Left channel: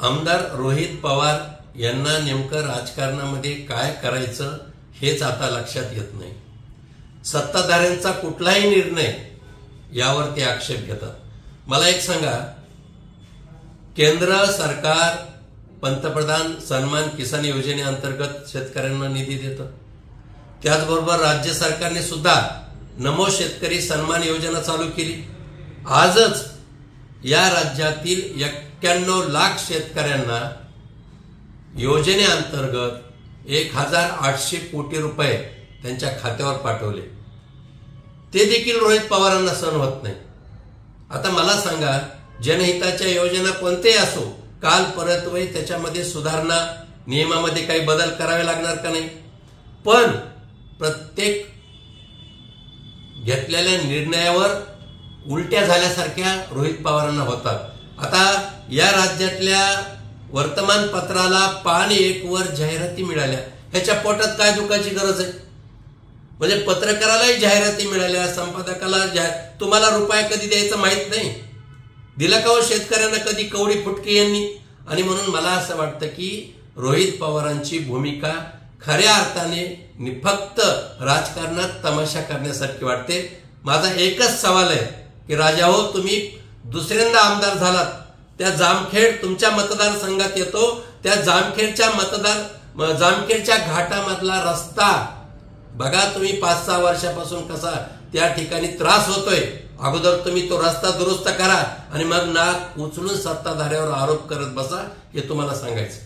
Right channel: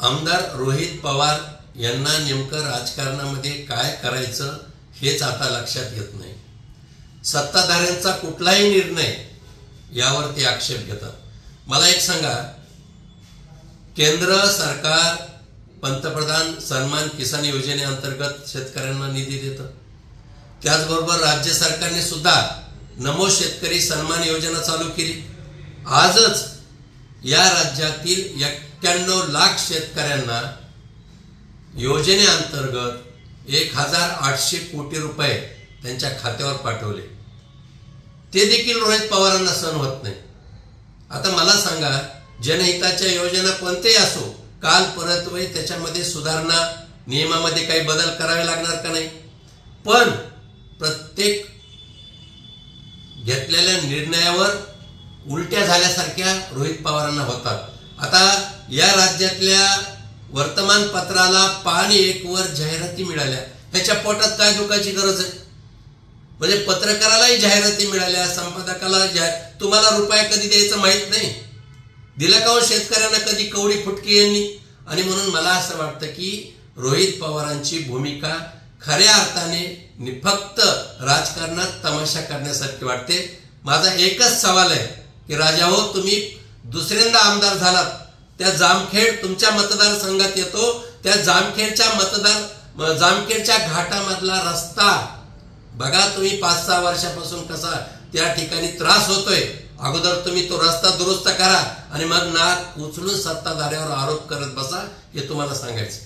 आमदार रोहित पवार यांना नेमकं राजकारणामध्ये काय करायचं हेच आता लक्षात येत नाही। सत्ताधाऱ्यांचा कुठलाही निर्णय यावर ते आक्षेप घेतात। मला एक सांगा, केंद्र सरकार पंतप्रधान सन्मान किसान योजनेअंतर्गत शेतकऱ्यांना निधी देतं। त्याचबरोबर राज्य सरकारने सुद्धा नमो शेतकरी सन्मान योजना चालू केली। आजच या राज्यातील 91 लाख शेतकऱ्यांना योजनेअंतर्गत 1800 कोटी रुपये त्यांच्या खात्यावर पाठवले। ते देखील रोहित पवारांना सहन होत नाही। आता मला सांगा, जनहिताच्या योजना कोणतेही असो, काल परत्वे त्याच्यामध्ये सुधारणा, नियमामध्ये काही बदल करावे लागणार का नाही? पण प्रत्येक घेतलेल्या निर्णयावर उलट्या झाल्यासारख्या रोहित पवारांना होतात। आता या राज्यातल्या वर्तमानपत्राला पान 1 वर जाहिराती मिळाल्या, ह्याच्या पोटात काय दुखाची गरज आहे? म्हणजे पत्रकारालाही जाहिराती मिळाल्या, संपादकाला तुम्हाला रुपया कधी द्यायचं माहित नाही, दिला का हो शेतकऱ्यांना कधी कवडी फुटकी यांनी? आणि म्हणून मला असं वाटतं की रोहित पवारांची भूमिका खऱ्या अर्थाने फक्त राजकारणात तमाशा करण्यासारखी वाटते। माझा एकच सवाल आहे की राजा हो, तुम्ही दुसऱ्यांदा आमदार झालात, त्या जामखेड तुमच्या मतदारसंघात येतो, त्या जामखेडच्या घाटामधला रस्ता बघा तुम्ही 5-6 वर्षापासून कसा त्या ठिकाणी त्रास होतोय। अगोदर तुम्ही तो रस्ता दुरुस्त करा आणि मग नाक उचलून सत्ताधाऱ्यावर आरोप करत बसा, हे तुम्हाला सांगायचं।